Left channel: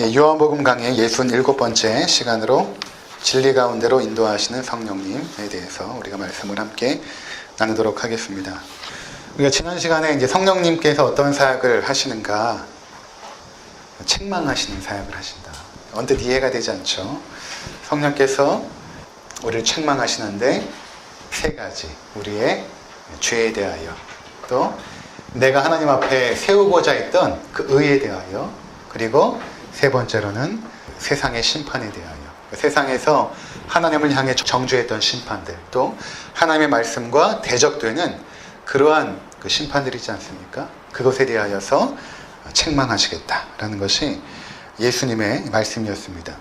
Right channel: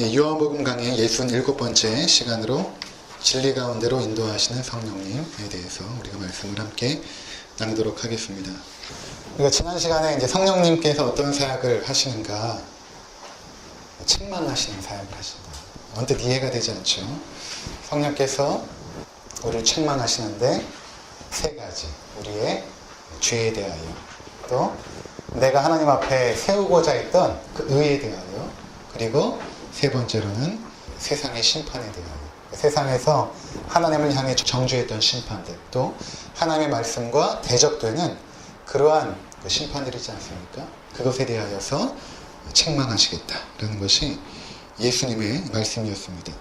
요한복음 강의 67번째 시간으로 진리 가운데로 인도하시는 성령님에 대해서 우리가 말씀을 함께 나누도록 하겠습니다. 우리가 지난 시간에 이제 성령님께서 어떤 사역을 하시는가, 책망하시는 사역을 하신다. 언뜻 이해가 되지 않죠. 성령께서 우리를 책망하시는데 세 가지, 우리의 죄에 대하여, 또 내가 하나님 앞에 세우고자 했던 그 의에 대하여, 그리고 세 번째로는 세상의 심판에 대하여, 세상에서 하나님을 향해 정죄했던 심판들, 또 하나님의 말씀과 대적되는 그러한 그 심판들이 있지 않습니까? 그것에 대하여서 책망하시겠다라는 것이 예수님의 말씀이었습니다.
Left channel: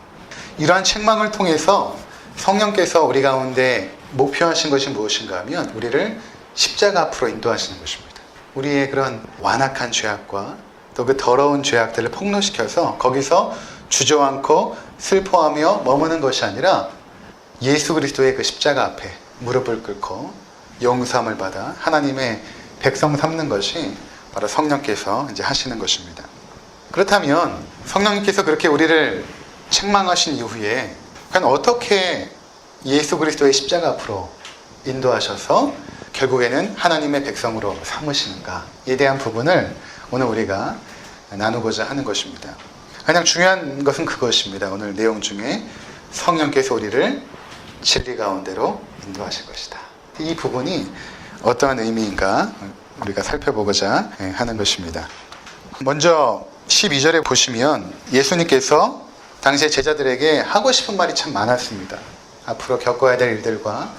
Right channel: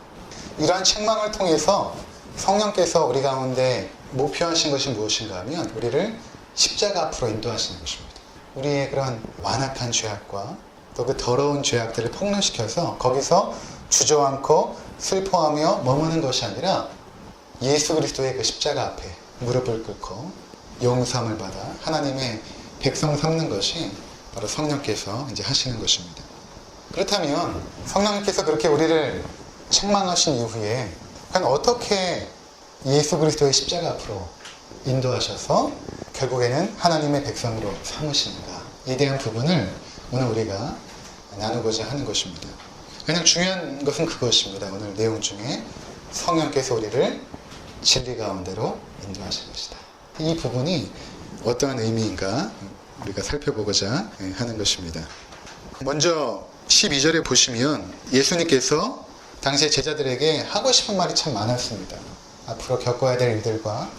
이러한 책망을 통해서 성령께서 우리 가운데 목표하신 것이 무엇인가 하면 우리를 십자가 앞으로 인도하시는 것입니다. 우리의 그런 완악한 죄악과 또 그 더러운 죄악들을 폭로시켜서 거기서 주저앉고 슬퍼하며 머무는 것이 아니라 예수 그리스도의 그 십자가 앞에 무릎을 꿇고 용서함을 받아 하나님의 백성 삼는 것이 바로 성령께서 이제 하시는 것입니다. 그렇다면 성령님께서 그렇게 우리를 책망하신 이후에 과연 어떻게 예수 그리스도의 십자가 앞으로 인도하셔서 결국에는 하나님의 백성으로 삼으시는가에 대한 부분을 오늘 우리가 나누고자 하는 것입니다. 가장 중요한 것은 그것입니다. 오늘 내용 중에 성령께서 우리를 진리 가운데로 인도하실 것이다. 이 부분이 어떠한 의미인가 우리가 살펴보고자 하는 것입니다. 먼저 12절에 보시면 예수님께서 당시의 제자들에게 하고 싶은 말이 참 많았습니다. 앞으로 겪어야 될 일들과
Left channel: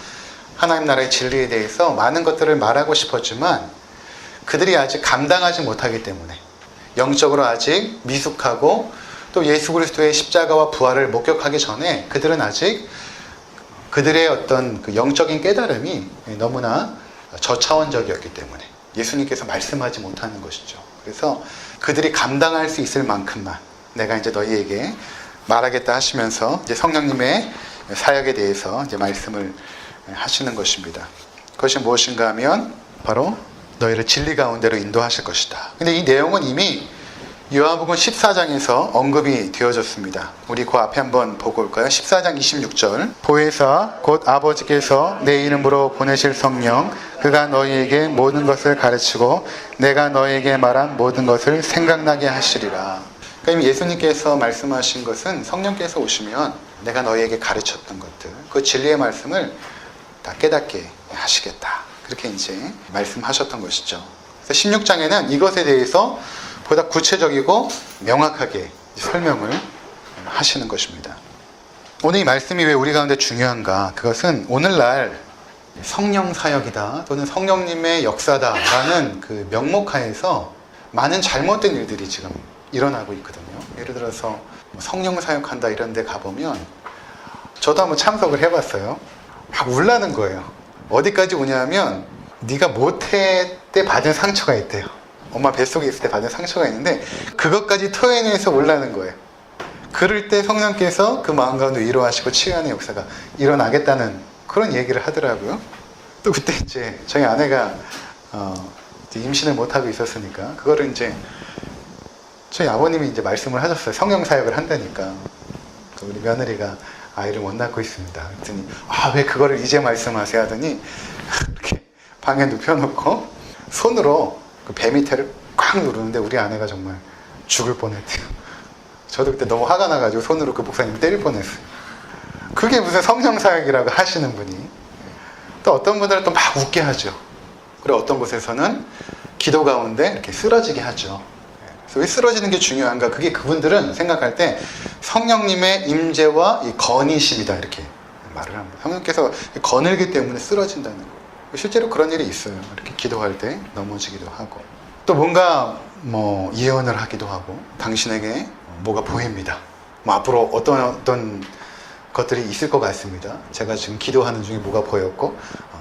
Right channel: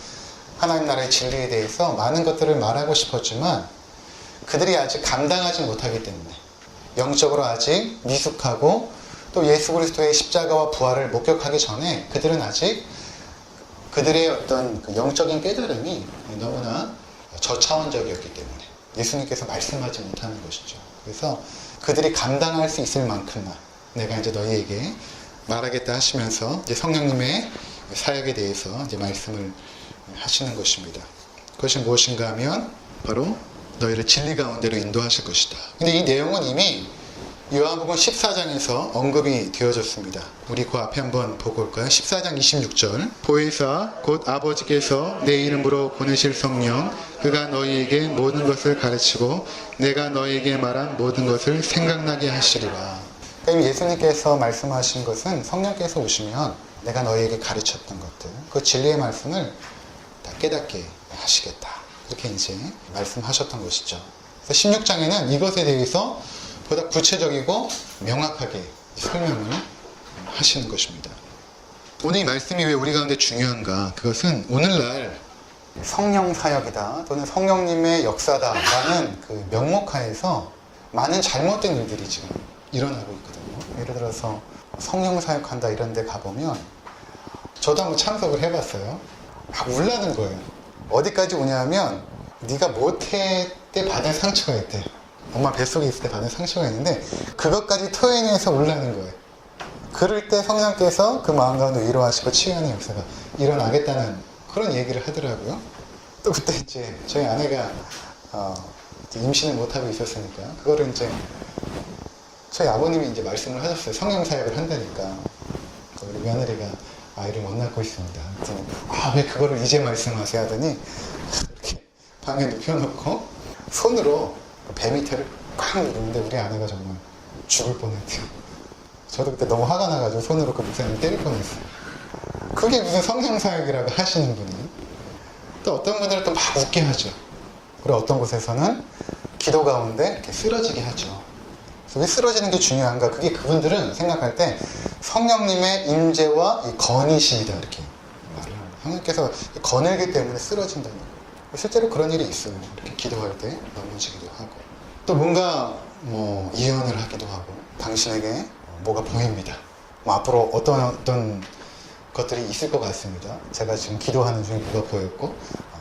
하나님 나라의 진리에 대해서 많은 것들을 말하고 싶었지만 그들이 아직 감당하지 못하기 때문에, 영적으로 아직 미숙하고 또 예수 그리스도의 십자가와 부활을 목격하기 전에 그들은 아직 그들의 어떤 그 영적인 깨달음이 너무나 저차원적이었기 때문에 예수님께서 말씀하지 못하는 것이죠. 그래서 그들이 감당할 수 있을 만큼만 내가 이제 너희에게 말하겠다 하시면서 이제 성령님의 사역에 대해서 이제 말씀을 하시는 것입니다. 그것이 무엇인가 하면 바로 너희를 진리 가운데로 인도하실 것이다. 근데 이 내용은 이미 요한복음 14장에서 언급이 되어졌습니다. 우리 그 앞에 한번 보고 올까요? 14장 26절. 보혜사 곧 아버지께서 내 이름으로 보내실 성령, 그가 너희에게 모든 것을 가르치고 내가 너희에게 말한 모든 것을 생각나게 하시리라. 그러니까 예수님께서 말씀하신 것은 성령께서 오시면 내가 너희에게 가르쳤던 것들, 그 진리의 말씀을 다 깨닫게 하시겠다. 그렇게 이제 말씀하셨던 것이죠. 그래서 16장에는 이것에 대해서 보다 구체적이고 명확하게 설명을 하시는 것입니다. 오늘 이 말씀이 왜 우리 가운데 중요한가? 그것은 오늘날 성령 사역이다 또는 성령님의 역사다라는 그 명목하에서 많은 잘못된 일들이 지금 일어나고 있거든요. 예를 들어서 성령 사역한다 이런 데 가보면 저도 한번 참석을 해봤어요. 막 울라는 거예요. 어디까지 우냐면 네가 못할 때 받은 상처가 있대요. 엄마 뱃속에 있을 때 받은 상처가 있는데 그것까지 토해내서 울라는 거예요. 그럴 때 성령께서 그 마음 가운데 위로하시고 치유하는 역사가 일어나겠다는 그런 얘기를 하더라고요. 또 그때 이제 저희 아내가 임신을 못하고 있었으니까 그거를 이제 저희 아버님이 이제 말씀을 하셨어요. 성령 사역을 한다니까. 우리 며느리가 아이를 못 낳고 있습니다. 그랬더니 왜 그거를 이제 말씀하세요 하더니 이렇게 방에 눕혀놓고 손으로 그 배 밑에를 꽉 누르는데 우리 아내가 정말 죽을 뻔했대요. 저도 그때 너무 화가 나가지고 손으로 그 목사님을 때릴 뻔했어요. 그게 무슨 성령 사역이라고 하시는 분이. 또 어떤 분들은 또 막 웃게 하죠. 그리고 어떤 곳에서는 기도 가운데 이렇게 쓰러지게 하죠. 그래서 왜 쓰러지는 게 중요한가? 그게 그분들은 생각할 때 성령님의 임재와 이 건의심이다 이렇게 말을 합니다. 성령께서 거늘기 때문에 쓰러진다는 거예요. 실제로 그런 일이 있어요. 이렇게 기도할 때 넘어지기도 하고 또 뭔가 예언을 하기도 하고 당신에게 뭐가 보입니다. 앞으로 어떤 것들이 있을 것 같습니다. 제가 지금 기도하는 중에 뭐가 보였고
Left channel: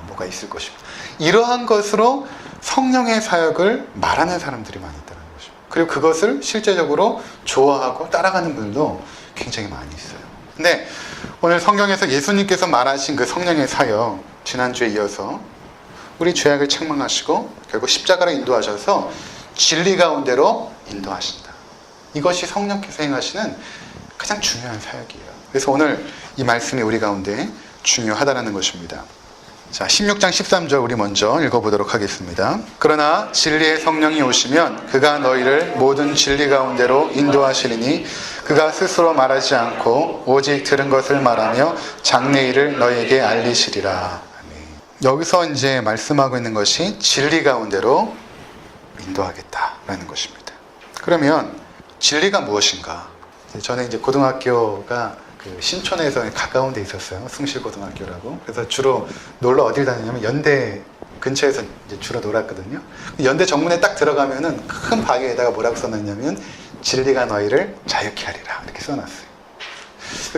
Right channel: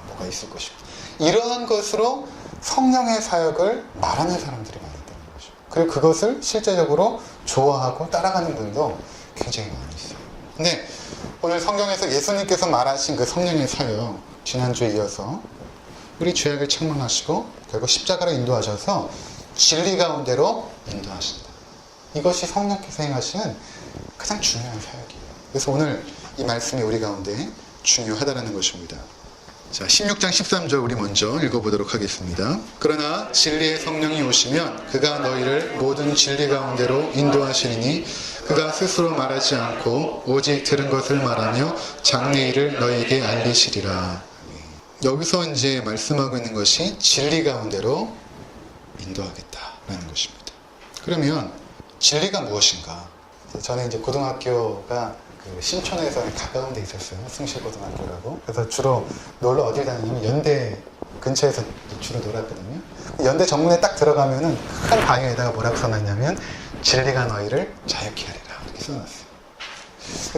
뭐가 있을 것입니다. 이러한 것으로 성령의 사역을 말하는 사람들이 많았다는 거죠. 그리고 그것을 실제적으로 좋아하고 따라가는 분들도 굉장히 많이 있어요. 근데 오늘 성경에서 예수님께서 말하신 그 성령의 사역, 지난주에 이어서 우리 죄악을 책망하시고 결국 십자가로 인도하셔서 진리 가운데로 인도하신다. 이것이 성령께서 행하시는 가장 중요한 사역이에요. 그래서 오늘 이 말씀이 우리 가운데 중요하다는 것입니다. 자, 16장 13절 우리 먼저 읽어보도록 하겠습니다. 그러나 진리의 성령이 오시면 그가 너희를 모든 진리 가운데로 인도하시리니 그가 스스로 말하지 않고 오직 들은 것을 말하며 장래일을 너희에게 알리시리라. 여기서 이제 말씀하고 있는 것이 진리 가운데로 인도하겠다라는 것입니다. 그러면 진리가 무엇인가? 저는 이제 고등학교가 신촌에서 가까운 데 있었어요. 승실고등학교라고. 그래서 주로 놀러 어딜 다니냐면 연대 근처에서 이제 주로 놀았거든요. 연대 정문에 딱 들어가면은 큰 바위에다가 뭐라고 써놨냐면 진리가 너희를 자유케 하리라 이렇게 써놨어요.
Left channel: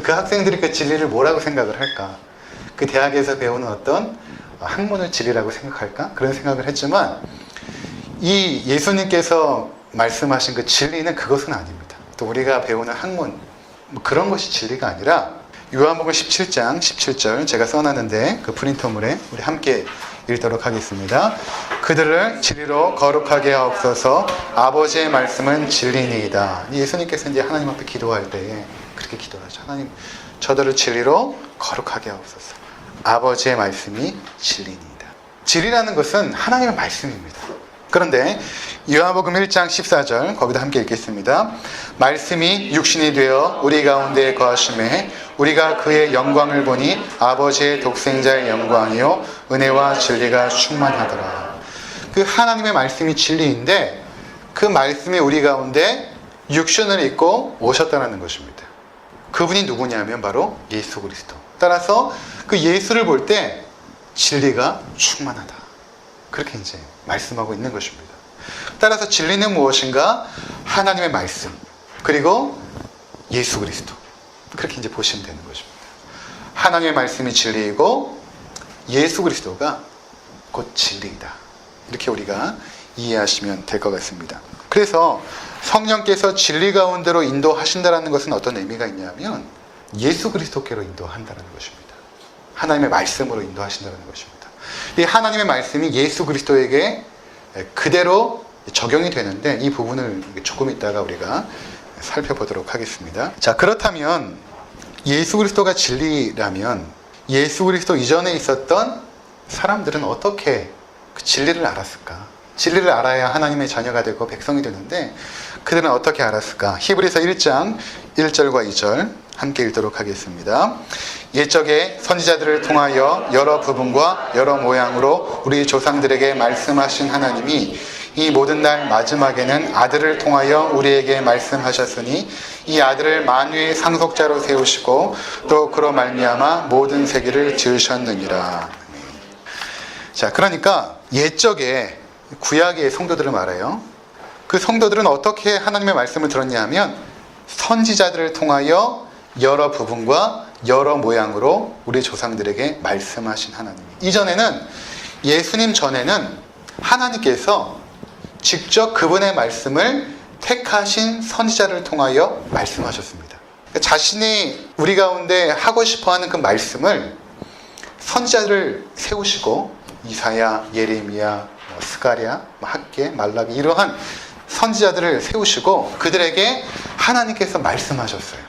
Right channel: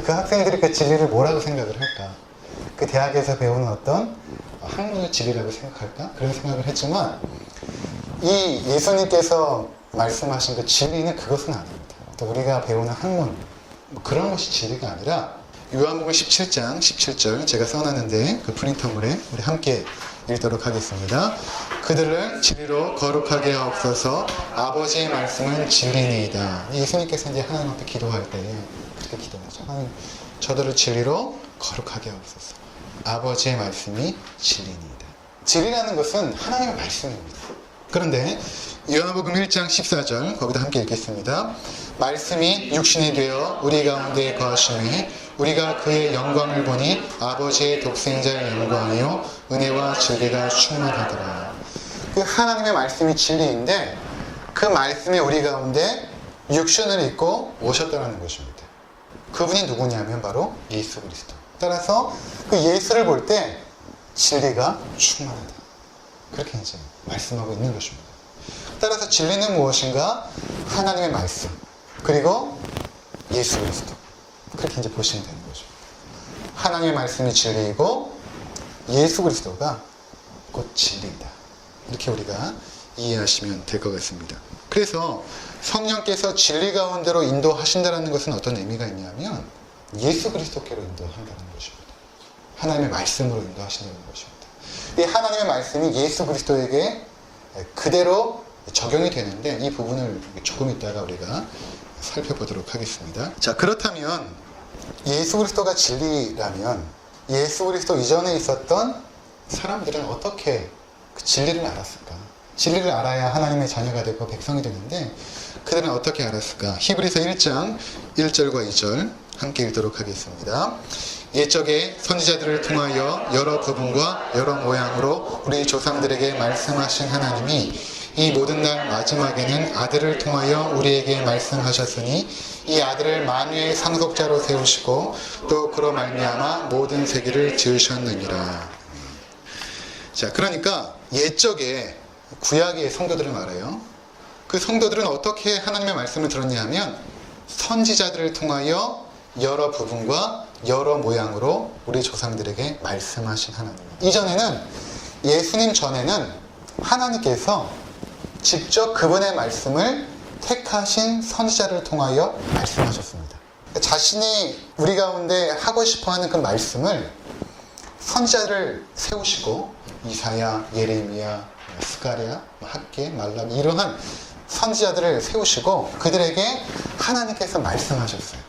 그 학생들이 그 진리를 뭐라고 생각을 할까? 그 대학에서 배우는 어떤 학문을 진리라고 생각할까? 그런 생각을 했지만 이 예수님께서 말씀하신 그 진리는 그것은 아닙니다. 또 우리가 배우는 학문 그런 것이 진리가 아니라 요한복음 17장 17절 제가 써놨는데 그 프린터물에 우리 함께 읽도록 하겠습니다. 그들을 진리로 거룩하게 하옵소서. 아버지의 말씀은 진리니이다. 예수님께서 이제 하나님 앞에 기도할 때에 그렇게 기도하죠. 하나님 저들을 진리로 거룩하게 하옵소서. 아버지의 말씀이 진리니이다. 진리라는 것은 하나님의 말씀입니다. 그런데 요한복음 1장 14절 거기다 함께 읽겠습니다. 말씀이 육신이 되어 우리 가운데 거하심에 우리가 그의 영광을 보니 아버지의 독생자의 영광이요 은혜와 진리가 충만하더라. 그 하나님의 말씀이 진리인데 그 말씀이 우리 가운데 육신을 입고 오셨다는 것입니다. 그분이 누구냐면 바로 예수 그리스도. 따라서 그 예수를 볼 때 진리가 충만하다. 그렇게 이제 말씀하고 있는 것입니다. 따라서 진리는 무엇인가? 하나님의 말씀 그리고 예수 그리스도. 그렇게 이제 보시면 되는 것입니다. 하나님의 말씀이 진리이고 예수 그리스도가 곧 진리이다. 이렇게 우리가 이해하시면 될 것 같습니다. 그래서 성령께서 진리 가운데로 인도하신다는 것은 어떤 의미가 있냐면 예수 그리스도께로 인도한다는 것입니다. 하나님의 말씀으로 인도하신다는 것입니다. 이 하나님의 말씀이 예수 그리스도에게 그대로 적용이 되는데 이 부분을 조금 이따가 우리가 살펴보도록 하겠습니다. 자, 그렇다면 예수 그리스도가 진리라면 예수 그리스도 이전에 있었던 사람들은 어떻게 그 진리를 알았을까? 진리를 알아야 하나님의 자녀가 되고 백성이 되는데 그들은 어떻게 알았을까? 히브리서 1장 1절과 2절 함께 읽도록 하겠습니다. 옛적에 선지자들을 통하여 여러 부분과 여러 모양으로 우리 조상들에게 말씀하신 하나님이 이 모든 날 마지막에는 아들을 통하여 우리에게 말씀하셨으니 이 아들을 만유의 상속자로 세우시고 또 그로 말미암아 모든 세계를 지으셨느니라. 자, 그러니까 옛적에 구약의 성도들을 말해요. 그 성도들은 어떻게 하나님의 말씀을 들었냐 하면 선지자들을 통하여 여러 부분과 여러 모양으로 우리 조상들에게 말씀하신 하나님. 이전에는 예수님 전에는 하나님께서 직접 그분의 말씀을 택하신 선지자를 통하여 말씀하셨습니다. 그러니까 자신이 우리 가운데 하고 싶어하는 그 말씀을 선지자를 세우시고 이사야, 예레미야, 스가랴, 학개, 말라기 이러한 선지자들을 세우시고 그들에게 하나님께서 말씀하셨어요.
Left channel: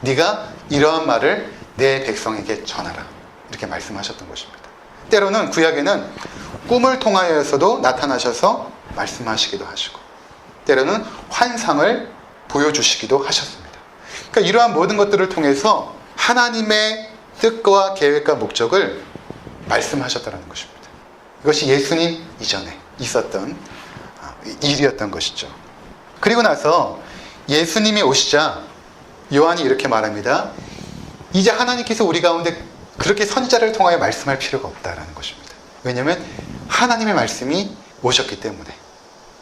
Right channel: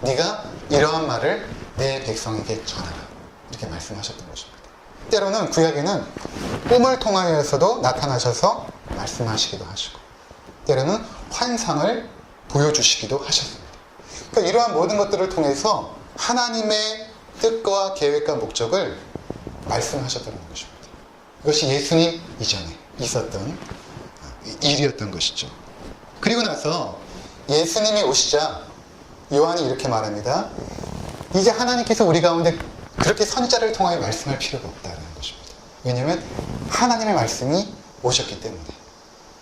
네가 이러한 말을 내 백성에게 전하라. 이렇게 말씀하셨던 것입니다. 때로는 구약에는 꿈을 통하여서도 나타나셔서 말씀하시기도 하시고 때로는 환상을 보여주시기도 하셨습니다. 그러니까 이러한 모든 것들을 통해서 하나님의 뜻과 계획과 목적을 말씀하셨다는 것입니다. 이것이 예수님 이전에 있었던 일이었던 것이죠. 그리고 나서 예수님이 오시자 요한이 이렇게 말합니다. 이제 하나님께서 우리 가운데 그렇게 선지자를 통하여 말씀할 필요가 없다라는 것입니다. 왜냐하면 하나님의 말씀이 오셨기 때문에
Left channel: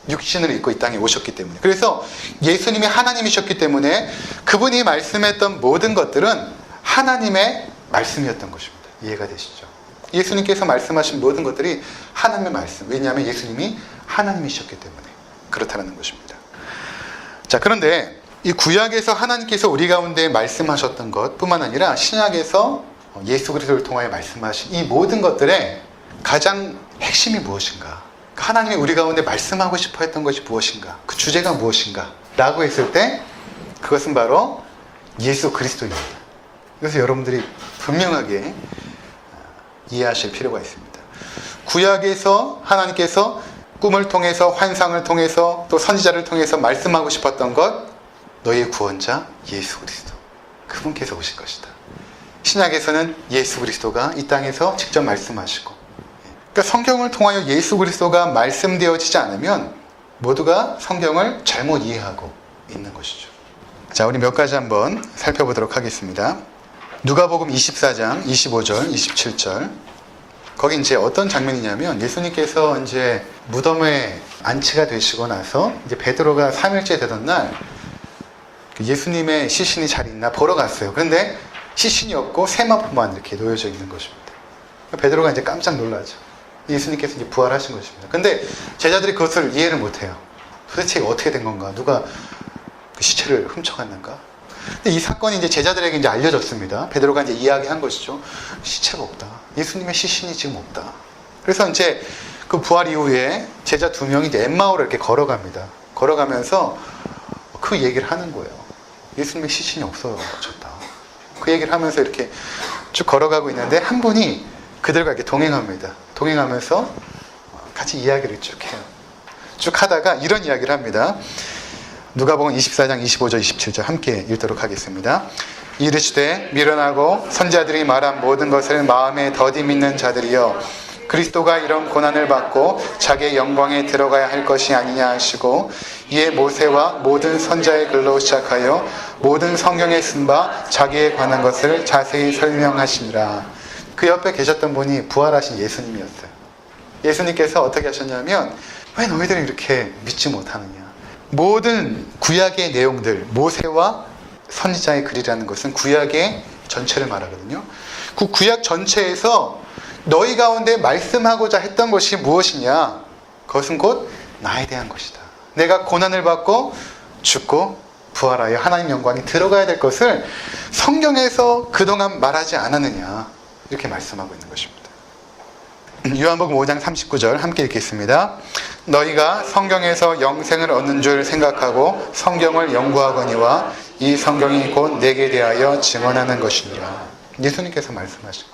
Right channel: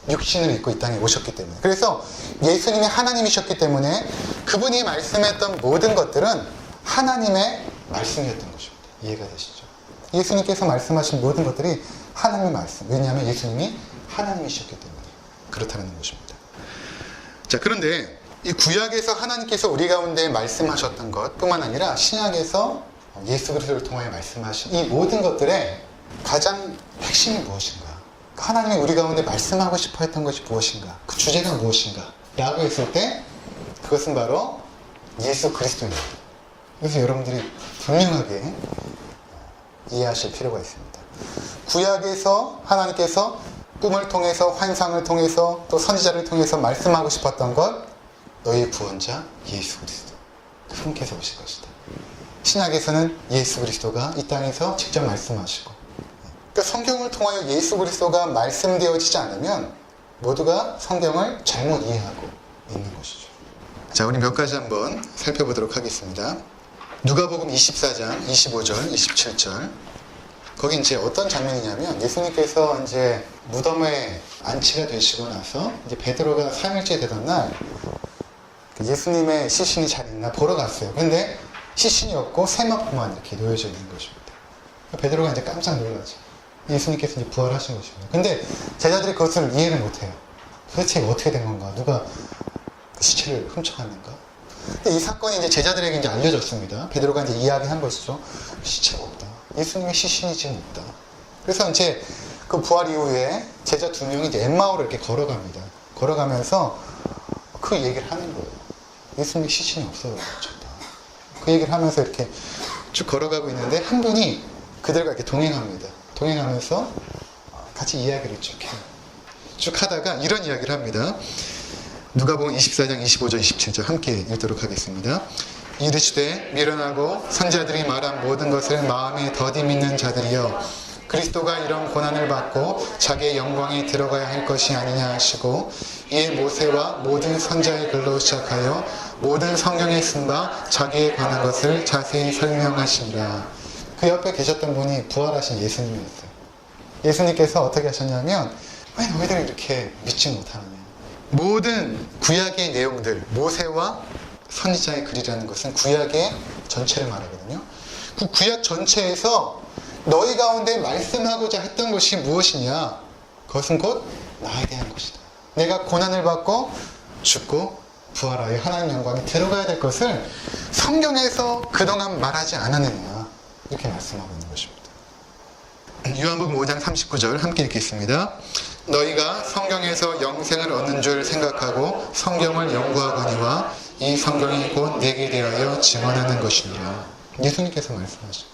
육신을 입고 이 땅에 오셨기 때문에 그래서 예수님이 하나님이셨기 때문에 그분이 말씀했던 모든 것들은 하나님의 말씀이었던 것입니다. 이해가 되시죠? 예수님께서 말씀하신 모든 것들이 하나님의 말씀. 왜냐하면 예수님이 하나님이셨기 때문에 그렇다는 것입니다. 자, 그런데 이 구약에서 하나님께서 우리 가운데 말씀하셨던 것 뿐만 아니라 신약에서 예수 그리스도를 통하여 말씀하신 이 모든 것들의 가장 핵심이 무엇인가? 하나님이 우리 가운데 말씀하고 싶어 했던 것이 무엇인가? 그 주제가 무엇인가? 라고 했을 때 그것은 바로 예수 그리스도입니다. 그래서 여러분들이 분명하게 이해하실 필요가 있습니다. 구약에서 하나님께서 꿈을 통해서, 환상을 통해서, 또 선지자를 통해서 말씀하고 싶었던 것, 너희의 구원자 예수 그리스도, 그분께서 오실 것이다. 신약에서는 예수 그리스도가 이 땅에서 직접 말씀하시고, 그러니까 성경을 통하여 예수 그리스도가 말씀되어지지 않으면 모두가 성경을 잘못 이해하고 있는 것이죠. 자, 우리 몇 가지 한번 살펴보도록 하겠습니다. 누가복음 24장 25절, 27절. 거기 이제 어떤 장면이냐면 예수님께서 이제 무덤에 안치가 되시고 나서 이제 베드로가 3일째 되던 날 예수님의 시신이 잘 있나 보러 갔어요. 그런데 시신이 없고 세마포만 이렇게 놓여져 있는 것입니다. 베드로가 이제 깜짝 놀라죠. 예수님께서 이제 부활하신 것입니다. 근데 제자들이 그것을 이해를 못해요. 도대체 어떻게 된 건가? 누가 그 시체를 훔쳐갔는가? 근데 이 사건이 이제 제자들에게 이제 알려졌습니다. 베드로가 이제 이야기한 것이죠. 시체가 없다. 예수님의 시신이 지금 없다. 그래서 이제 그 부활 이후에 제자 2명이 이제 엠마오를 이렇게 걸어갑니다. 걸어가면서 그 얘기를 하는 거예요. 예수님의 시신이 없어졌다. 그 얘기를 하면서 이렇게 쭉 걸어가고 있는데 한 분이 그들과 이렇게 동행합니다. 동행하면서 같이 이야기를 쭉 해요. 쭉 하다가 이런 이야기를 합니다. 누가복음 24장 25절 27절 함께 읽도록 하겠습니다. 이르시되 미련하고 선지자들이 말한 모든 것을 마음에 더디 믿는 자들이여, 그리스도가 이런 고난을 받고 자기의 영광에 들어가야 할 것이 아니냐 하시고, 이에 모세와 모든 선지자의 글로 시작하여 모든 성경에 쓴 바 자기에 관한 것을 자세히 설명하시니라. 그 옆에 계셨던 분이 부활하신 예수님이었어요. 예수님께서 어떻게 하셨냐면, 왜 너희들이 이렇게 믿지 못하느냐. 모든 구약의 내용들, 모세와 선지자의 글이라는 것은 구약의 전체를 말하거든요. 그 구약 전체에서 너희 가운데 말씀하고자 했던 것이 무엇이냐? 그것은 곧 나에 대한 것이다. 내가 고난을 받고 죽고 부활하여 하나님 영광에 들어가야 될 것을 성경에서 그동안 말하지 않았느냐, 이렇게 말씀하고 있는 것입니다. 요한복음 5장 39절 함께 읽겠습니다. 너희가 성경에서 영생을 얻는 줄 생각하고 성경을 연구하거니와 이 성경이 곧 내게 대하여 증언하는 것이니라. 예수님께서 말씀하시고,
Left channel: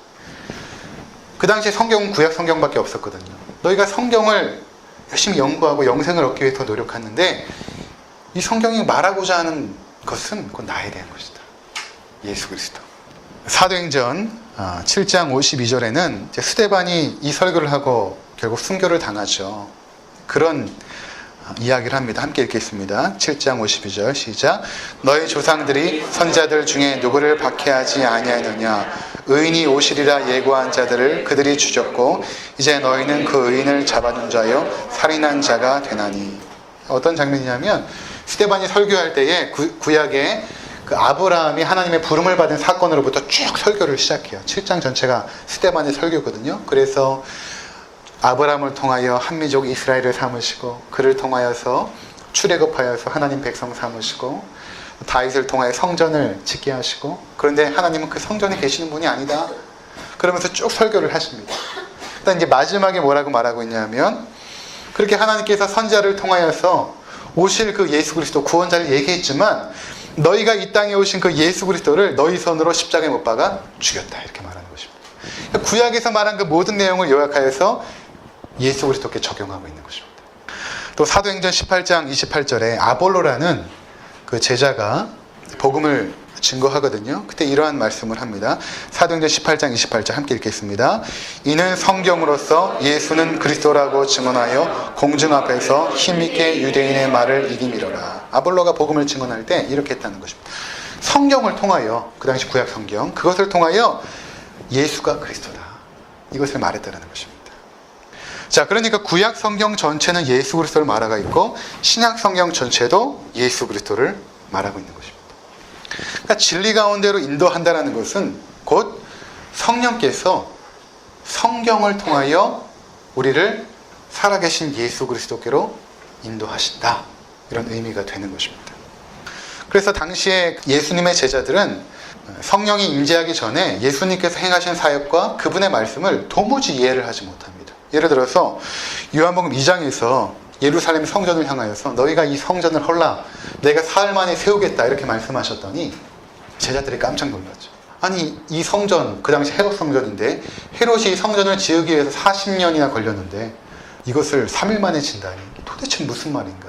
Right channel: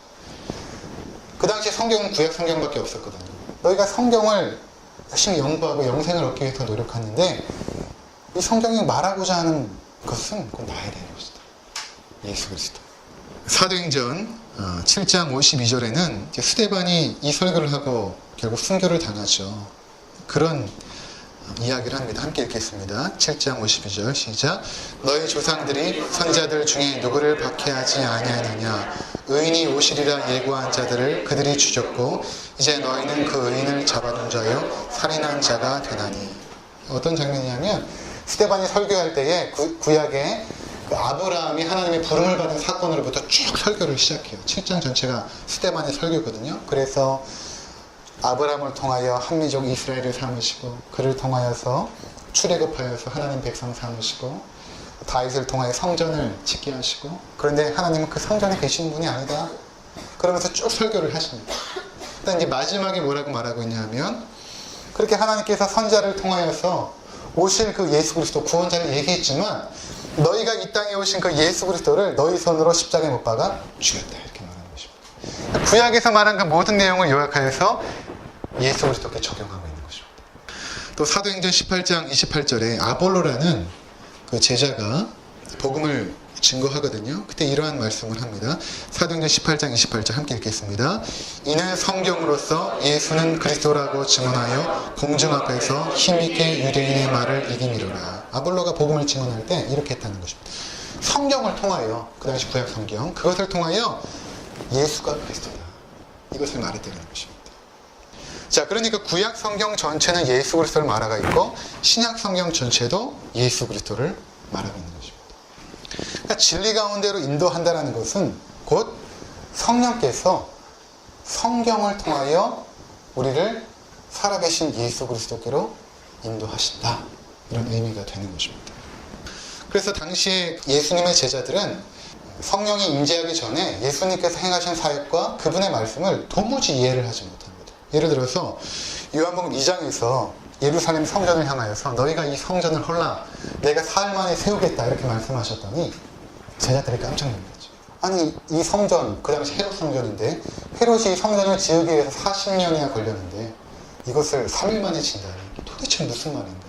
그 당시에 성경은 구약 성경밖에 없었거든요. 너희가 성경을 열심히 연구하고 영생을 얻기 위해서 노력하는데, 이 성경이 말하고자 하는 것은 곧 나에 대한 것이다. 예수 그리스도. 사도행전 7장 52절에는 스데반이 이 설교를 하고 결국 순교를 당하죠. 그런 이야기를 합니다. 함께 읽겠습니다. 7장 52절 시작. 너희 조상들이 선지자들 중에 누구를 박해하지 아니하느냐. 의인이 오시리라 예고한 자들을 그들이 죽였고 이제 너희는 그 의인을 잡아둔 자여 살인한 자가 되나니. 어떤 장면이냐면 스데반이 설교할 때에 구약에 그 아브라함이 하나님의 부름을 받은 사건으로부터 쭉 설교를 시작해요. 7장 전체가 스데반의 설교거든요. 그래서 아브라함을 통하여 한민족 이스라엘을 삼으시고, 그를 통하여서 출애굽하여서 하나님 백성 삼으시고, 다윗을 통하여 성전을 짓게 하시고, 그런데 하나님은 그 성전에 계시는 분이 아니다. 그러면서 쭉 설교를 하십니다. 일단 이제 마지막에 뭐라고 말하고 있냐면, 그렇게 하나님께서 선지자를 통하여서 오실 그 예수 그리스도 구원자를 얘기했지만, 너희가 이 땅에 오신 그 예수 그리스도를 너희 손으로 십자가에 못 박아 죽였다, 이렇게 말하는 것입니다. 구약에서 말한 그 모든 내용을 요약하여서 예수 그리스도께 적용하고 있는 것입니다. 또 사도행전 18장 28절에 아볼로라는 그 제자가 복음을 증거하거든요. 그때 이러한 말씀을 합니다. 사도행전 18장 28절 함께 읽겠습니다. 이는 성경으로서 예수는 그리스도라고 증언하여 공중 앞에서 힘있게 유대인의 말을 이기미로라. 아볼로가 복음을 증언할 때 이렇게 했다는 것입니다. 성경을 통하여, 그 당시 구약 성경, 그것을 통하여 예수가 그리스도다, 이것을 말했다는 것입니다. 자, 그러니까 구약 성경 전체는 예수 그리스도를 말하고 있고 신약 성경 전체도 예수 그리스도를 말하고 있는 것입니다. 그러니까 진리 가운데로 인도한다는 것은 곧 성령께서 성경을 통하여 우리를 살아계신 예수 그리스도께로 인도하신다, 이런 의미가 되는 것입니다. 그래서 당시에 예수님의 제자들은 성령이 임재하기 전에 예수님께서 행하신 사역과 그분의 말씀을 도무지 이해를 하지 못합니다. 예를 들어서 요한복음 2장에서 예루살렘 성전을 향하여서 너희가 이 성전을 헐라 내가 사흘 만에 세우겠다 이렇게 말씀하셨더니 제자들이 깜짝 놀랐죠. 아니 이 성전, 그 당시 헤롯 성전인데 헤롯이 이 성전을 지으기 위해서 40년이나 걸렸는데 이것을 3일 만에 진다니 도대체 무슨 말인가.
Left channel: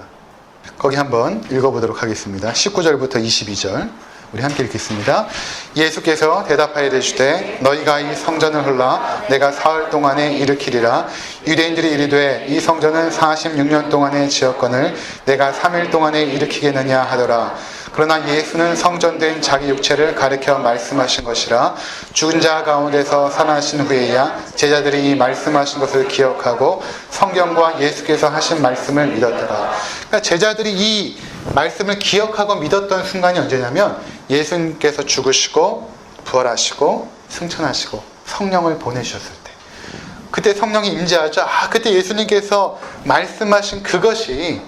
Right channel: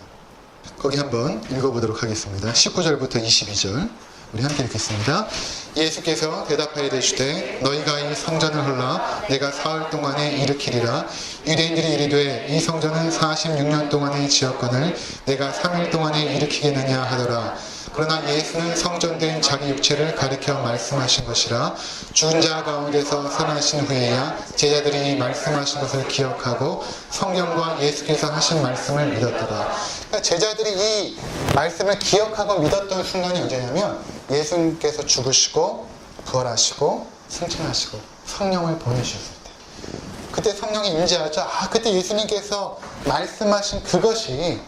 거기 한번 읽어보도록 하겠습니다. 19절부터 22절 우리 함께 읽겠습니다. 예수께서 대답하여 이르시되 너희가 이 성전을 헐라 내가 사흘 동안에 일으키리라. 유대인들이 이르되 이 성전은 46년 동안에 지었거늘 내가 3일 동안에 일으키겠느냐 하더라. 그러나 예수는 성전된 자기 육체를 가리켜 말씀하신 것이라. 죽은 자 가운데서 살아나신 후에야 제자들이 이 말씀하신 것을 기억하고 성경과 예수께서 하신 말씀을 믿었더라. 그러니까 제자들이 이 말씀을 기억하고 믿었던 순간이 언제냐면 예수님께서 죽으시고 부활하시고 승천하시고 성령을 보내셨을 때, 그때 성령이 임재하죠. 그때 예수님께서 말씀하신 그것이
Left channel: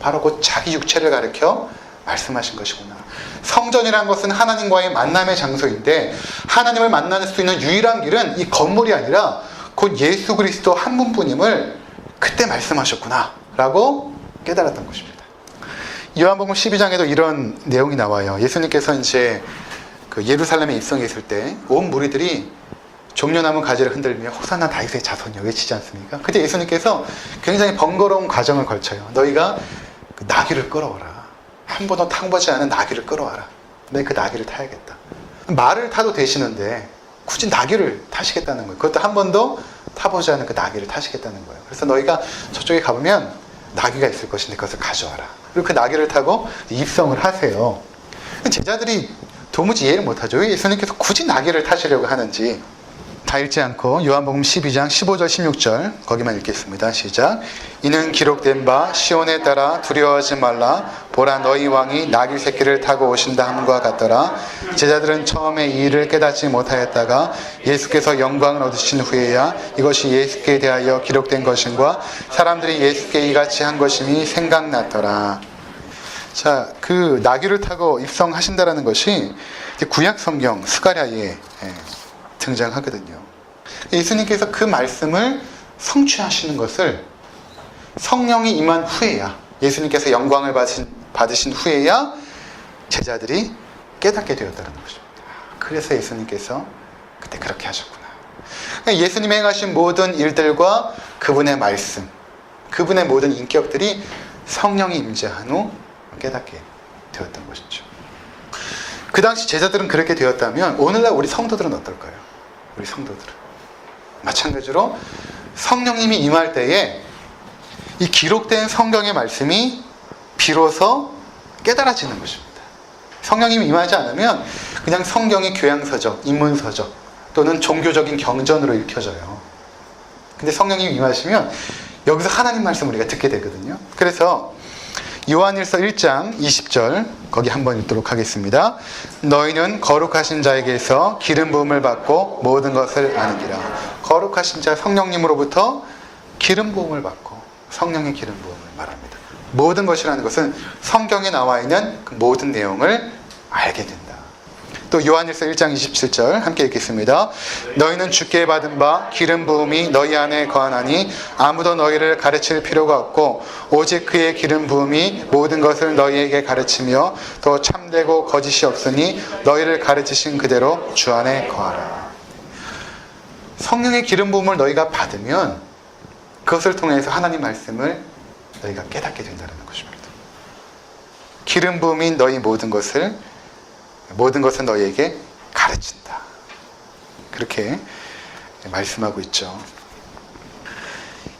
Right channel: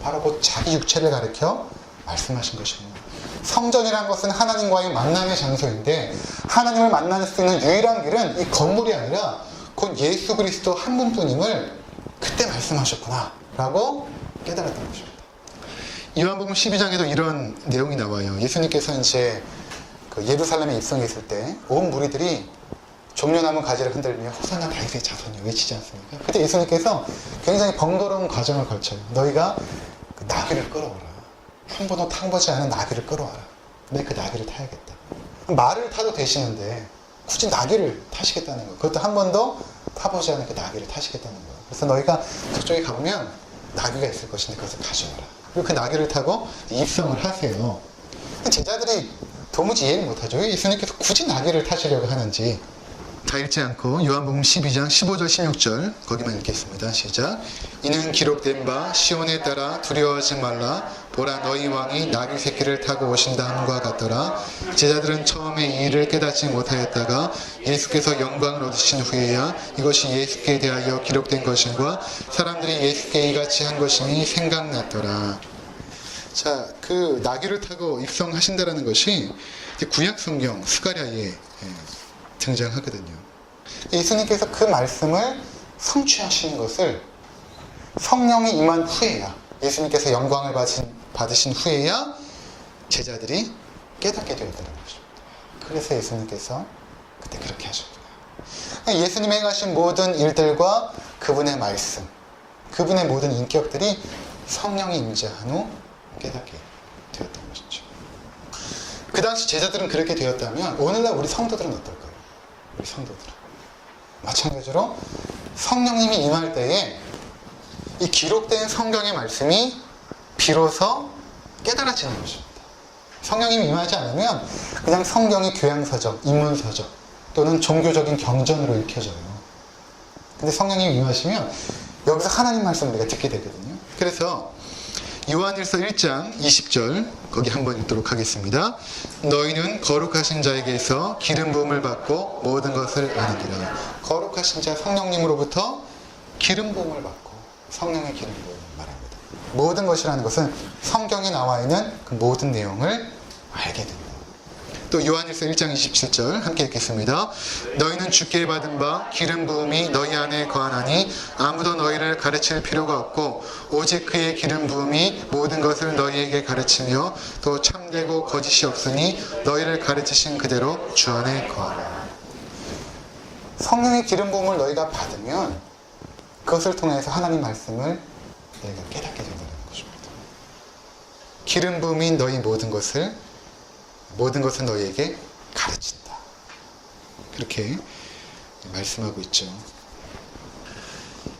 바로 곧 자기 육체를 가리켜 말씀하신 것이구나. 성전이라는 것은 하나님과의 만남의 장소인데 하나님을 만날 수 있는 유일한 길은 이 건물이 아니라 곧 예수 그리스도 한 분뿐임을 그때 말씀하셨구나 라고 깨달았던 것입니다. 요한복음 12장에도 이런 내용이 나와요. 예수님께서 이제 그 예루살렘에 입성했을 때 온 무리들이 종려나무 가지를 흔들며 호산나 다윗의 자손이여 외치지 않습니까? 그때 예수님께서 굉장히 번거로운 과정을 걸쳐요. 너희가 그 나귀를 끌어오라. 한 번도 타보지 않은 나귀를 끌어와라. 내가 그 나귀를 타야겠다. 말을 타도 되시는데 굳이 나귀를 타시겠다는 거예요. 그것도 한 번도 타보지 않은 그 나귀를 타시겠다는 거예요. 그래서 너희가 저쪽에 가보면 나귀가 있을 것인데 그것을 가져와라. 그리고 그 나귀를 타고 입성을 하세요. 제자들이 도무지 이해를 못하죠. 왜 예수님께서 굳이 나귀를 타시려고 하는지. 다 읽지 않고 요한복음 12장 15절 16절 거기만 읽겠습니다. 시작. 이는 기록된 바 시온에 따라 두려워하지 말라. 보라 너희 왕이 나귀 새끼를 타고 오신다 함과 같더라. 제자들은 처음에 이 일을 깨닫지 못하였다가 예수께서 영광을 얻으신 후에야 이것이 예수께 대하여 기록된 것인과 사람들이 예수께 이같이 한 것임이 생각났더라. 자, 그 나귀를 타고 입성하신다라는 것이 구약 성경 스가랴에 등장하거든요. 예수님께서 그 말씀을 성취하시는 것을 성령이 임한 후에야, 예수님께서 영광을 받으신 후에야 제자들이 깨닫게 되었다는 것입니다. 그래서 예수님께서 그때 그렇게 하셨구나. 예수님이 행하신 모든 일들과 그분의 말씀, 그분의 모든 인격들이 성령이 임재한 후 깨닫게 되었던 것이죠. 그 당시 제자들은 그렇게 되었다면 오늘날 우리 성도들은 어떨까요? 우리 성도들은 마찬가지로 성령님이 임할 때에 이 기록된 성경의 말씀이 비로소 깨달아지는 것입니다. 성령님이 임하지 않으면 그냥 성경이 교양서적, 인문서적 또는 종교적인 경전으로 읽혀져요. 근데 성령님이 임하시면 여기서 하나님 말씀을 우리가 듣게 되거든요. 그래서 요한일서 1장 20절 거기 한번 읽도록 하겠습니다. 너희는 거룩하신 자에게서 기름 부음을 받고 모든 것을 아느니라. 거룩하신 자 성령님으로부터 기름 부음을 받고 성령의 기름 부음을 말합니다. 모든 것이라는 것은 성경에 나와 있는 그 모든 내용을 알게 된다. 또 요한일서 1장 27절 함께 읽겠습니다. 너희는 주께 받은 바 기름 부음이 너희 안에 거하나니 아무도 너희를 가르칠 필요가 없고 오직 그의 기름 부음이 모든 것을 너희에게 가르치며 또 참되고 거짓이 없으니 너희를 가르치신 그대로 주 안에 거하라. 성령의 기름 부음을 너희가 받으면 그것을 통해서 하나님 말씀을 너희가 깨닫게 된다는 것입니다. 기름 부음인 너희 모든 것을 너희에게 가르친다. 그렇게 말씀하고 있죠.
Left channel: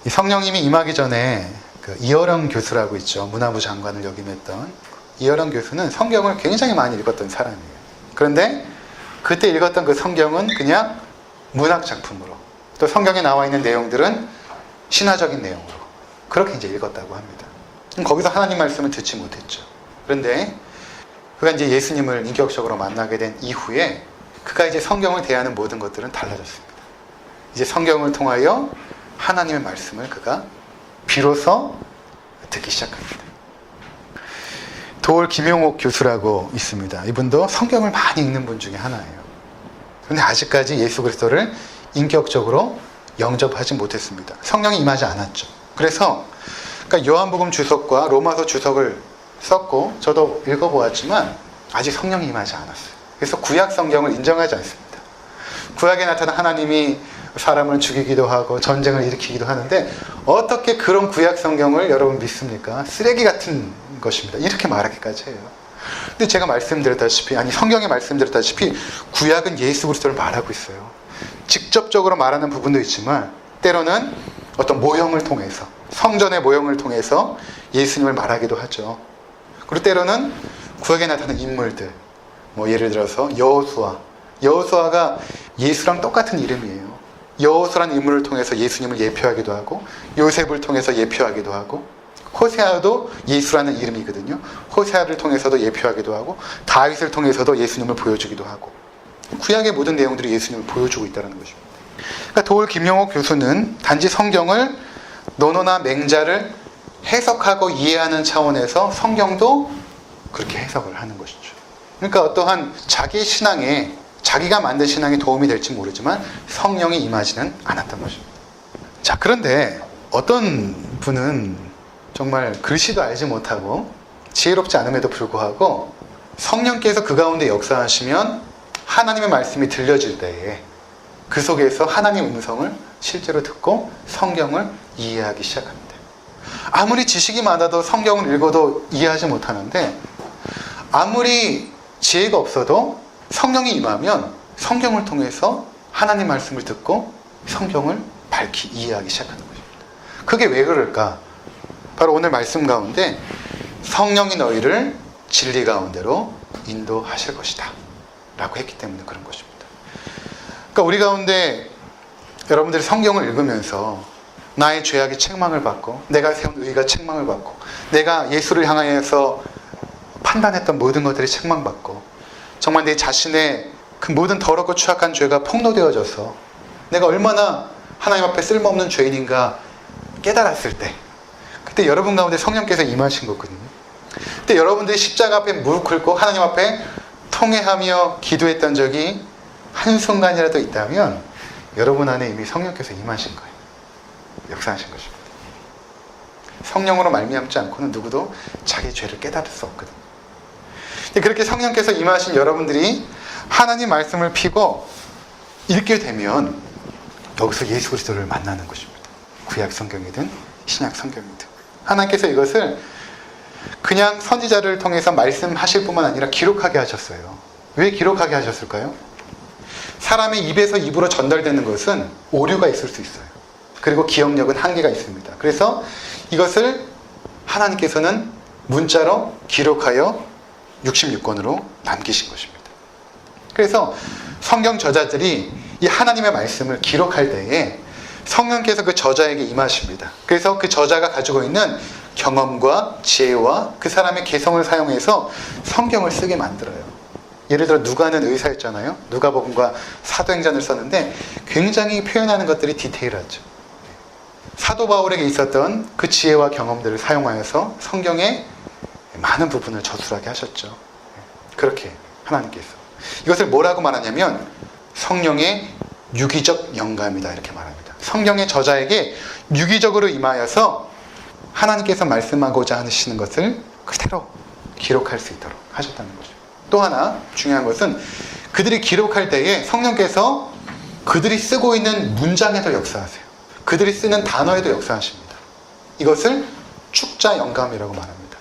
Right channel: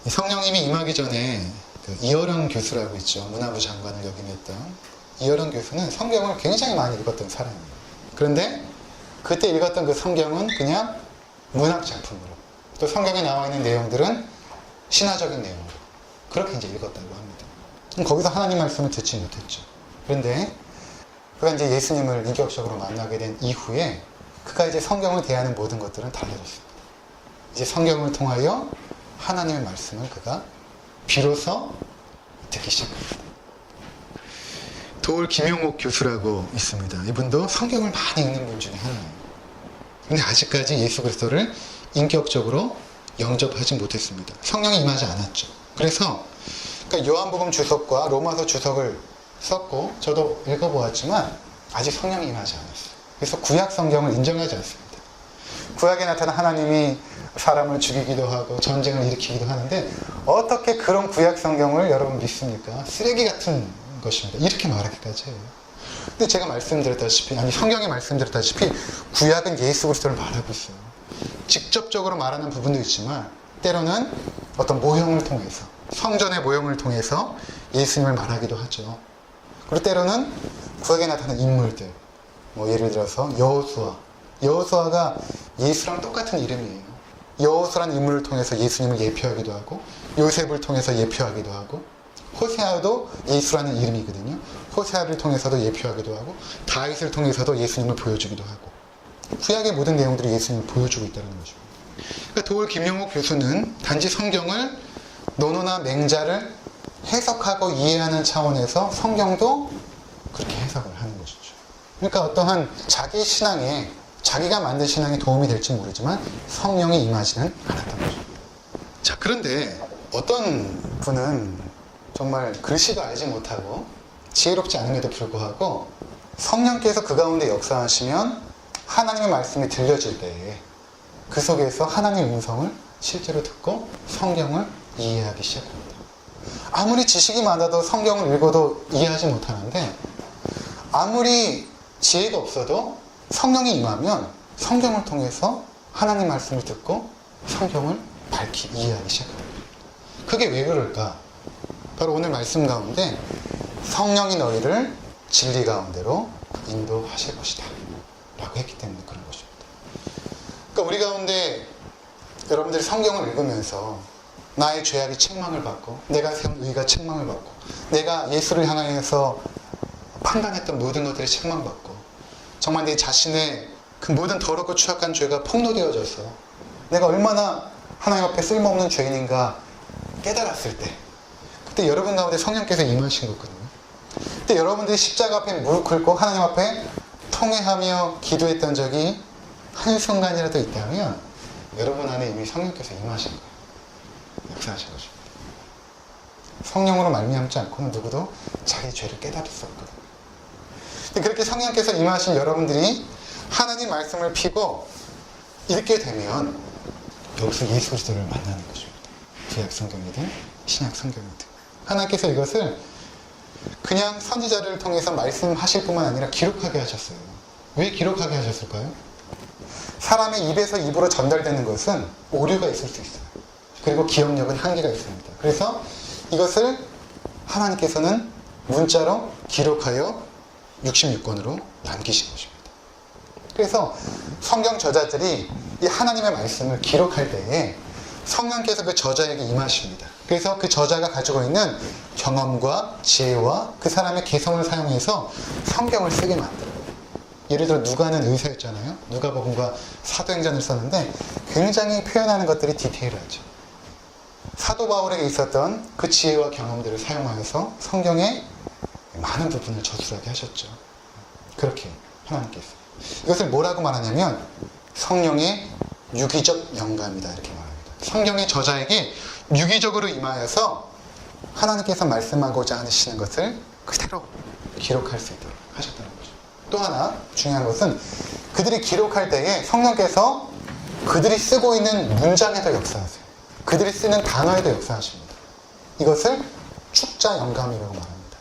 이 성령님이 임하기 전에 그 이어령 교수라고 있죠. 문화부 장관을 역임했던 이어령 교수는 성경을 굉장히 많이 읽었던 사람이에요. 그런데 그때 읽었던 그 성경은 그냥 문학 작품으로, 또 성경에 나와 있는 내용들은 신화적인 내용으로 그렇게 이제 읽었다고 합니다. 거기서 하나님 말씀을 듣지 못했죠. 그런데 그가 이제 예수님을 인격적으로 만나게 된 이후에 그가 이제 성경을 대하는 모든 것들은 달라졌습니다. 이제 성경을 통하여 하나님의 말씀을 그가 비로소 듣기 시작합니다. 도올 김용옥 교수라고 있습니다. 이분도 성경을 많이 읽는 분 중에 하나예요. 그런데 아직까지 예수 그리스도를 인격적으로 영접하지 못했습니다. 성령이 임하지 않았죠. 그래서 그러니까 요한복음 주석과 로마서 주석을 썼고 저도 읽어보았지만 아직 성령이 임하지 않았어요. 그래서 구약 성경을 인정하지 않습니다. 구약에 나타난 하나님이 사람을 죽이기도 하고 전쟁을 일으키기도 하는데 어떻게 그런 구약 성경을 여러분 믿습니까? 쓰레기 같은 것입니다. 이렇게 말하기까지 해요. 근데 제가 말씀드렸다시피, 아니 성경에 말씀드렸다시피 구약은 예수 그리스도를 말하고 있어요. 직접적으로 말하는 부분도 있지만 때로는 어떤 모형을 통해서, 성전의 모형을 통해서 예수님을 말하기도 하죠. 그리고 때로는 구약에 나타나는 인물들, 뭐 예를 들어서 여호수아가 예수랑 똑같은 이름이에요. 여호수아라는 인물을 통해서 예수님을 예표하기도 하고 요셉을 통해서 예표하기도 하고 호세아도 예수라는 이름이거든요. 호세아를 통해서도 예표하기도 하고 다윗을 통해서도 예수님을 보여주기도 하고 구약의 모든 내용들이 예수님을 보여주고 있다는 것입니다. 그러니까 도올 김용옥 교수는 단지 성경을 논어나 맹자를 해석하고 이해하는 차원에서 성경도 그렇게 해석을 하는 것이죠. 그러니까 어떠한 자기의 신앙에, 자기가 만든 신앙에 도움이 될지 모르지만 성령이 임하지는 않았던 거죠. 자, 그런데 어떤 분은 정말 글씨도 알지 못하고 지혜롭지 않음에도 불구하고 성령께서 그 가운데 역사하시면 하나님의 말씀이 들려질 때에 그 속에서 하나님의 음성을 실제로 듣고 성경을 이해하기 시작합니다. 아무리 지식이 많아도 성경을 읽어도 이해하지 못하는데 아무리 지혜가 없어도 성령이 임하면 성경을 통해서 하나님 말씀을 듣고 성경을 밝히 이해하기 시작합니다. 그게 왜 그럴까? 바로 오늘 말씀 가운데 성령이 너희를 진리 가운데로 인도하실 것이다 라고 했기 때문에 그런 것입니다. 그러니까 우리 가운데 여러분들이 성경을 읽으면서 나의 죄악이 책망을 받고 내가 세운 의가 책망을 받고 내가 예수를 향하여서 판단했던 모든 것들이 책망받고 정말 내 자신의 그 모든 더럽고 추악한 죄가 폭로되어져서 내가 얼마나 하나님 앞에 쓸모없는 죄인인가 깨달았을 때 그때 여러분 가운데 성령께서 임하신 거거든요. 그때 여러분들이 십자가 앞에 무릎 꿇고 하나님 앞에 통회하며 기도했던 적이 한순간이라도 있다면 여러분 안에 이미 성령께서 임하신 거예요. 역사하신 것입니다. 성령으로 말미암지 않고는 누구도 자기 죄를 깨달을 수 없거든요. 그렇게 성령께서 임하신 여러분들이 하나님 말씀을 피고 읽게 되면 여기서 예수 그리스도를 만나는 것입니다. 구약 성경이든 신약 성경이든 하나님께서 이것을 그냥 선지자를 통해서 말씀하실 뿐만 아니라 기록하게 하셨어요. 왜 기록하게 하셨을까요? 사람의 입에서 입으로 전달되는 것은 오류가 있을 수 있어요. 그리고 기억력은 한계가 있습니다. 그래서 이것을 하나님께서는 문자로 기록하여 66권으로 남기신 것입니다. 그래서 성경 저자들이 이 하나님의 말씀을 기록할 때에 성령께서 그 저자에게 임하십니다. 그래서 그 저자가 가지고 있는 경험과 지혜와 그 사람의 개성을 사용해서 성경을 쓰게 만들어요. 예를 들어 누가는 의사였잖아요. 누가복음과 사도행전을 썼는데 굉장히 표현하는 것들이 디테일하죠. 사도 바울에게 있었던 그 지혜와 경험들을 사용하여서 성경의 많은 부분을 저술하게 하셨죠. 그렇게 하나님께서 이것을 뭐라고 말하냐면 성령의 유기적 영감이다 이렇게 말합니다. 성경의 저자에게 유기적으로 임하여서 하나님께서 말씀하고자 하시는 것을 그대로 기록할 수 있도록 하셨다는 거죠. 또 하나 중요한 것은 그들이 기록할 때에 성령께서 그들이 쓰고 있는 문장에도 역사하세요. 그들이 쓰는 단어에도 역사하십니다. 이것을 축자 영감이라고 말합니다.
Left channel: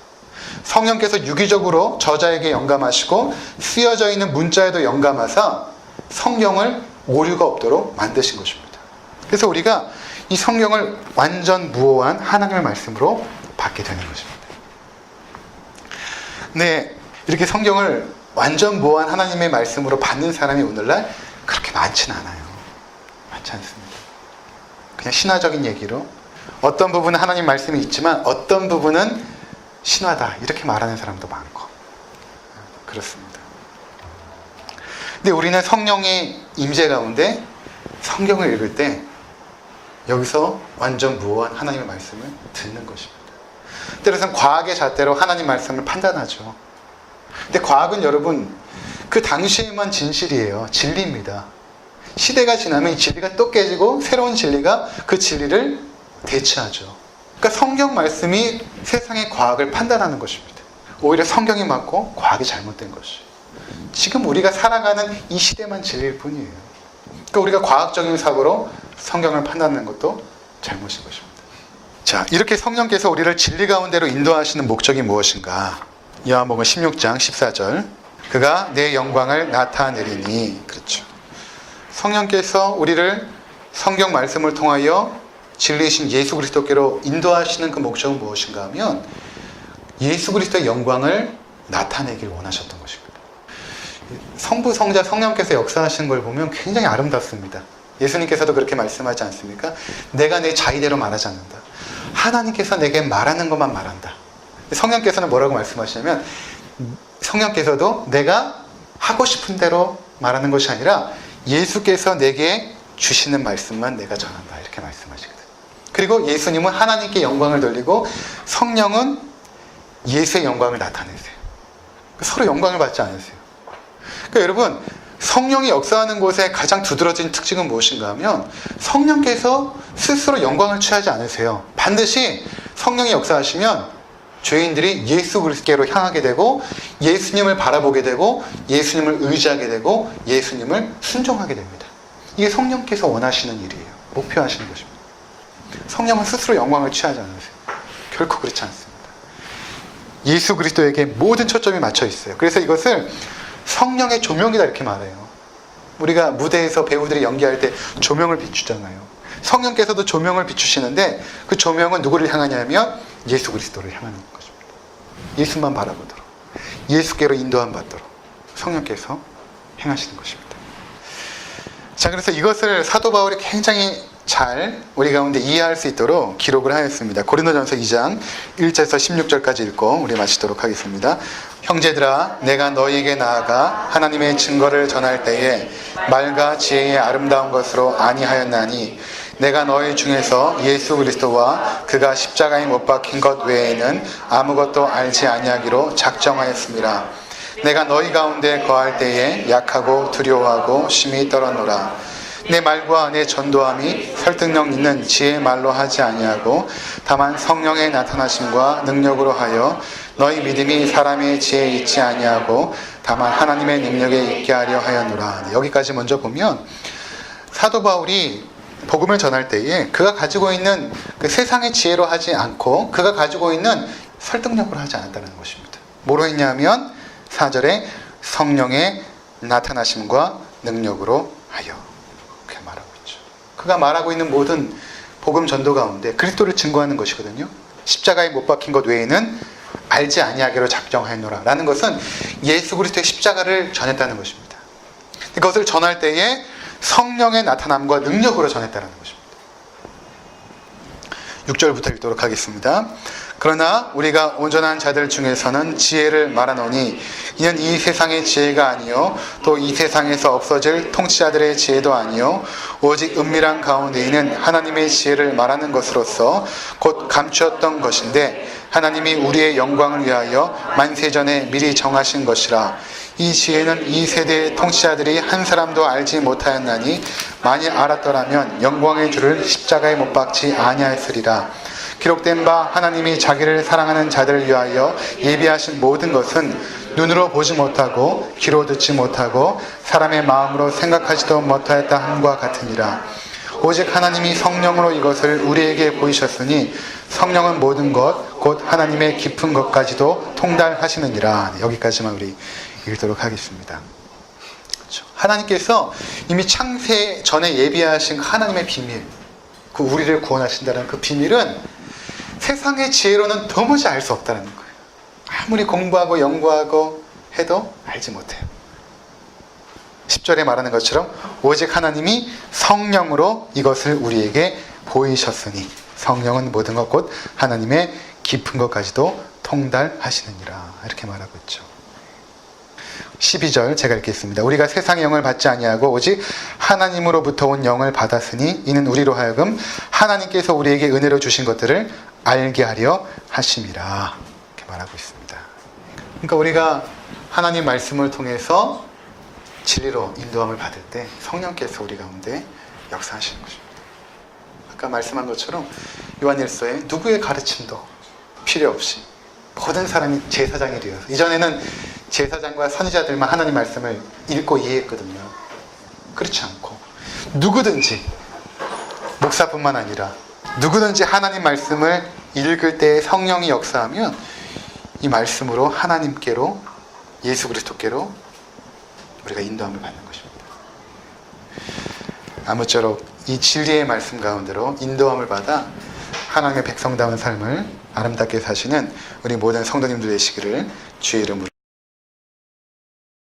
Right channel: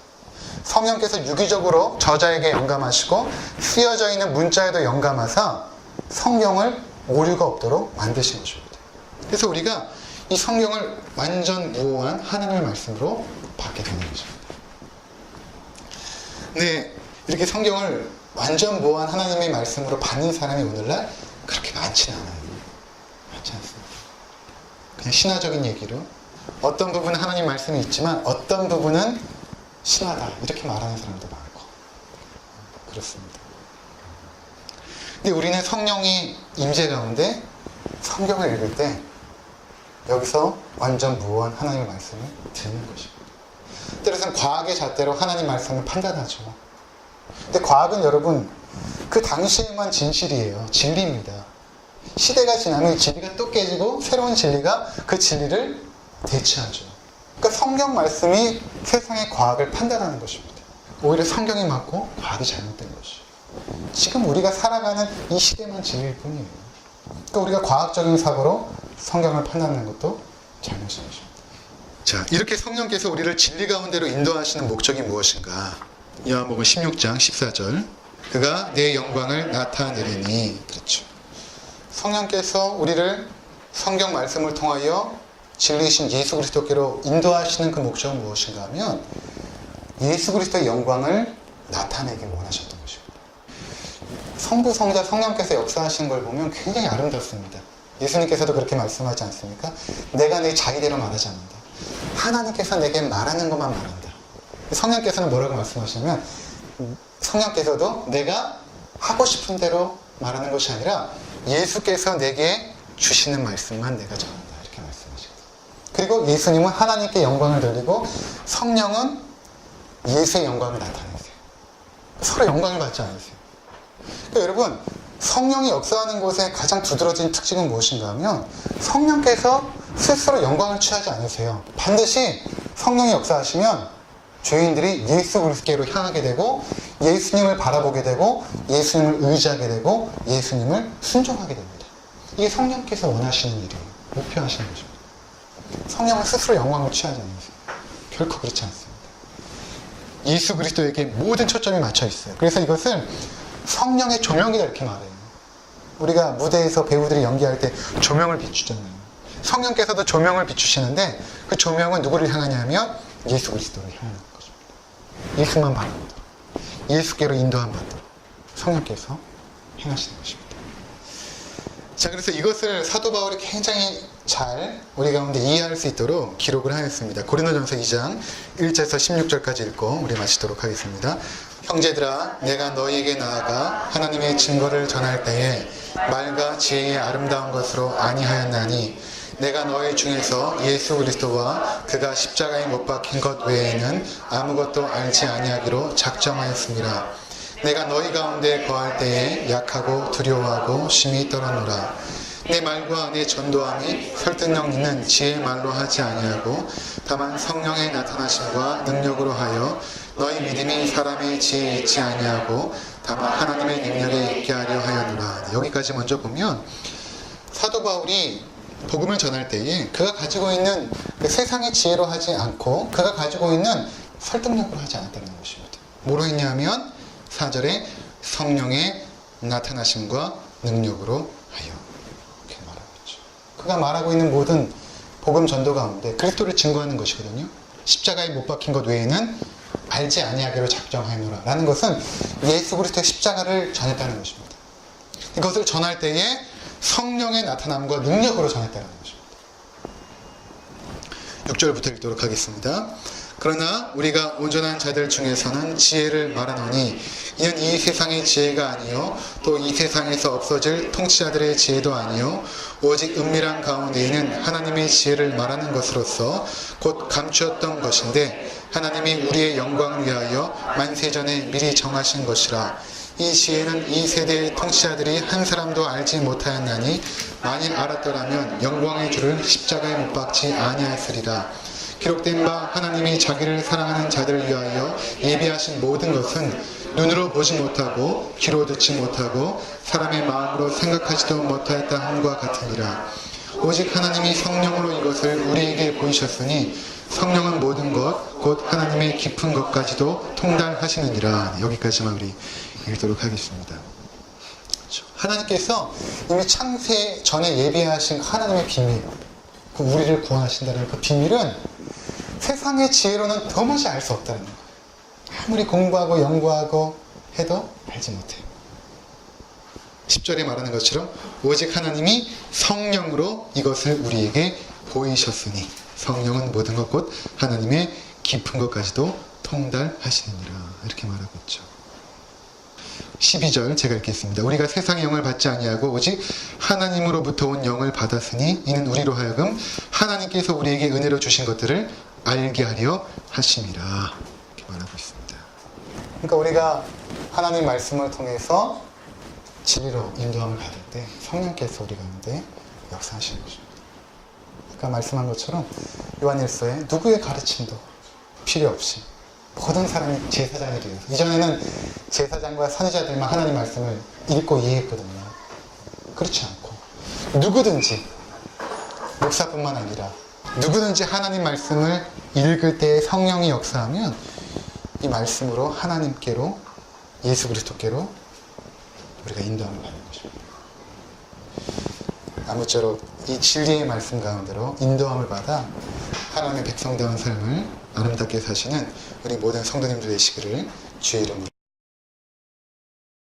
성령께서 유기적으로 저자에게 영감하시고 쓰여져 있는 문자에도 영감하사 성경을 오류가 없도록 만드신 것입니다. 그래서 우리가 이 성경을 완전 무오한 하나님의 말씀으로 받게 되는 것입니다. 네, 이렇게 성경을 완전 무오한 하나님의 말씀으로 받는 사람이 오늘날 그렇게 많지는 않아요. 많지 않습니다. 그냥 신화적인 얘기로 어떤 부분은 하나님 말씀이 있지만 어떤 부분은 신화다 이렇게 말하는 사람도 많고 그렇습니다. 근데 우리는 성령의 임재 가운데 성경을 읽을 때 여기서 완전 무오한 하나님의 말씀을 듣는 것입니다. 때로는 과학의 잣대로 하나님 말씀을 판단하죠. 근데 과학은 여러분 그 당시에만 진실이에요. 진리입니다. 시대가 지나면 이 진리가 또 깨지고 새로운 진리가 그 진리를 대체하죠. 그러니까 성경 말씀이 세상의 과학을 판단하는 것입니다. 오히려 성경이 맞고 과학이 잘못된 것이. 지금 우리가 살아가는 이 시대만 진리일 뿐이에요. 그러니까 우리가 과학적인 사고로 성경을 판단하는 것도 잘못인 것입니다. 자, 이렇게 성령께서 우리를 진리 가운데로 인도하시는 목적이 무엇인가? 요한복음 16장 14절. 그가 내 영광을 나타내리니. 그렇죠. 성령께서 우리를 성경 말씀을 통하여 진리이신 예수 그리스도께로 인도하시는 그 목적은 무엇인가 하면 예수 그리스도의 영광을 나타내길 원하셨던 것입니다. 성부, 성자, 성령께서 역사하시는 걸 보면 굉장히 아름답습니다. 예수님께서도 그렇게 말씀하지 않습니까? 내가 내 자의대로 말하지 않는다. 하나님께서 내게 말하는 것만 말한다. 성령께서는 뭐라고 말씀하시냐면 성령께서도 내가 하고 싶은 대로 말하는 것이 아니라 예수께서 내게 주시는 말씀만 내가 전한다. 이렇게 말씀하시거든요. 그리고 예수님은 하나님께 영광을 돌리고 성령은 예수의 영광을 나타내세요. 서로 영광을 받지 않으세요. 그러니까 여러분, 성령이 역사하는 곳에 가장 두드러진 특징은 무엇인가 하면 성령께서 스스로 영광을 취하지 않으세요. 반드시 성령이 역사하시면 죄인들이 예수 그리스도께로 향하게 되고 예수님을 바라보게 되고 예수님을 의지하게 되고 예수님을 순종하게 됩니다. 이게 성령께서 원하시는 일이에요. 목표하시는 것입니다. 성령은 스스로 영광을 취하지 않으세요. 결코 그렇지 않습니다. 예수 그리스도에게 모든 초점이 맞춰 있어요. 그래서 이것을 성령의 조명이다 이렇게 말해요. 우리가 무대에서 배우들이 연기할 때 조명을 비추잖아요. 성령께서도 조명을 비추시는데 그 조명은 누구를 향하냐면 예수 그리스도를 향하는 것입니다. 예수만 바라보도록, 예수께로 인도함 받도록 성령께서 행하시는 것입니다. 자, 그래서 이것을 사도 바울이 굉장히 잘 우리 가운데 이해할 수 있도록 기록을 하였습니다. 고린도전서 2장 1절에서 16절까지 읽고 우리 마치도록 하겠습니다. 형제들아, 내가 너희에게 나아가 하나님의 증거를 전할 때에 말과 지혜의 아름다운 것으로 아니하였나니 내가 너희 중에서 예수 그리스도와 그가 십자가에 못 박힌 것 외에는 아무것도 알지 아니하기로 작정하였습니다. 내가 너희 가운데 거할 때에 약하고 두려워하고 심히 떨어노라. 내 말과 내 전도함이 설득력 있는 지혜의 말로 하지 아니하고 다만 성령의 나타나심과 능력으로 하여 너희 믿음이 사람의 지혜에 있지 아니하고 다만 하나님의 능력에 있게 하려 하였노라. 여기까지 먼저 보면 사도 바울이 복음을 전할 때에 그가 가지고 있는 그 세상의 지혜로 하지 않고 그가 가지고 있는 설득력으로 하지 않았다는 것입니다. 뭐로 했냐면 4절에 성령의 나타나심과 능력으로 하여 그렇게 말하고 있죠. 그가 말하고 있는 모든 복음 전도 가운데 그리스도를 증거하는 것이거든요. 십자가에 못 박힌 것 외에는 알지 아니하기로 작정하였노라 라는 것은 예수 그리스도의 십자가를 전했다는 것입니다. 이것을 전할 때에 성령의 나타남과 능력으로 전했다는 것입니다. 6절부터 읽도록 하겠습니다. 그러나 우리가 온전한 자들 중에서는 지혜를 말하노니 이는 이 세상의 지혜가 아니요 또 이 세상에서 없어질 통치자들의 지혜도 아니요 오직 은밀한 가운데 있는 하나님의 지혜를 말하는 것으로서 곧 감추었던 것인데 하나님이 우리의 영광을 위하여 만세전에 미리 정하신 것이라. 이 지혜는 이 세대의 통치자들이 한 사람도 알지 못하였나니 만일 알았더라면 영광의 주를 십자가에 못 박지 아니하였으리라. 기록된 바 하나님이 자기를 사랑하는 자들을 위하여 예비하신 모든 것은 눈으로 보지 못하고 귀로 듣지 못하고 사람의 마음으로 생각하지도 못하였다 함과 같으니라. 오직 하나님이 성령으로 이것을 우리에게 보이셨으니 성령은 모든 것 곧 하나님의 깊은 것까지도 통달하시느니라. 여기까지만 우리 읽도록 하겠습니다. 하나님께서 이미 창세 전에 예비하신 하나님의 비밀, 그 우리를 구원하신다는 그 비밀은 세상의 지혜로는 도무지 알 수 없다는 거예요. 아무리 공부하고 연구하고 해도 알지 못해요. 10절에 말하는 것처럼 오직 하나님이 성령으로 이것을 우리에게 보이셨으니 성령은 모든 것 곧 하나님의 깊은 것까지도 통달하시느니라. 이렇게 말하고 있죠. 12절 제가 읽겠습니다. 우리가 세상의 영을 받지 아니하고 오직 하나님으로부터 온 영을 받았으니 이는 우리로 하여금 하나님께서 우리에게 은혜로 주신 것들을 알게 하려 하심이라. 이렇게 말하고 있습니다. 그러니까 우리가 하나님 말씀을 통해서 진리로 인도함을 받을 때 성령께서 우리 가운데 역사하시는 것입니다. 아까 말씀한 것처럼 요한일서에 누구의 가르침도 필요 없이 모든 사람이 제사장이 되어서, 이전에는 제사장과 선지자들만 하나님 말씀을 읽고 이해했거든요. 그렇지 않고 누구든지, 목사뿐만 아니라 누구든지 하나님 말씀을 읽을 때 성령이 역사하면 이 말씀으로 하나님께로, 예수 그리스도께로 우리가 인도함을 받는 것입니다. 아무쪼록 이 진리의 말씀 가운데로 인도함을 받아 하나님의 백성다운 삶을 아름답게 사시는 우리 모든 성도님들 되시기를 주의 이름으로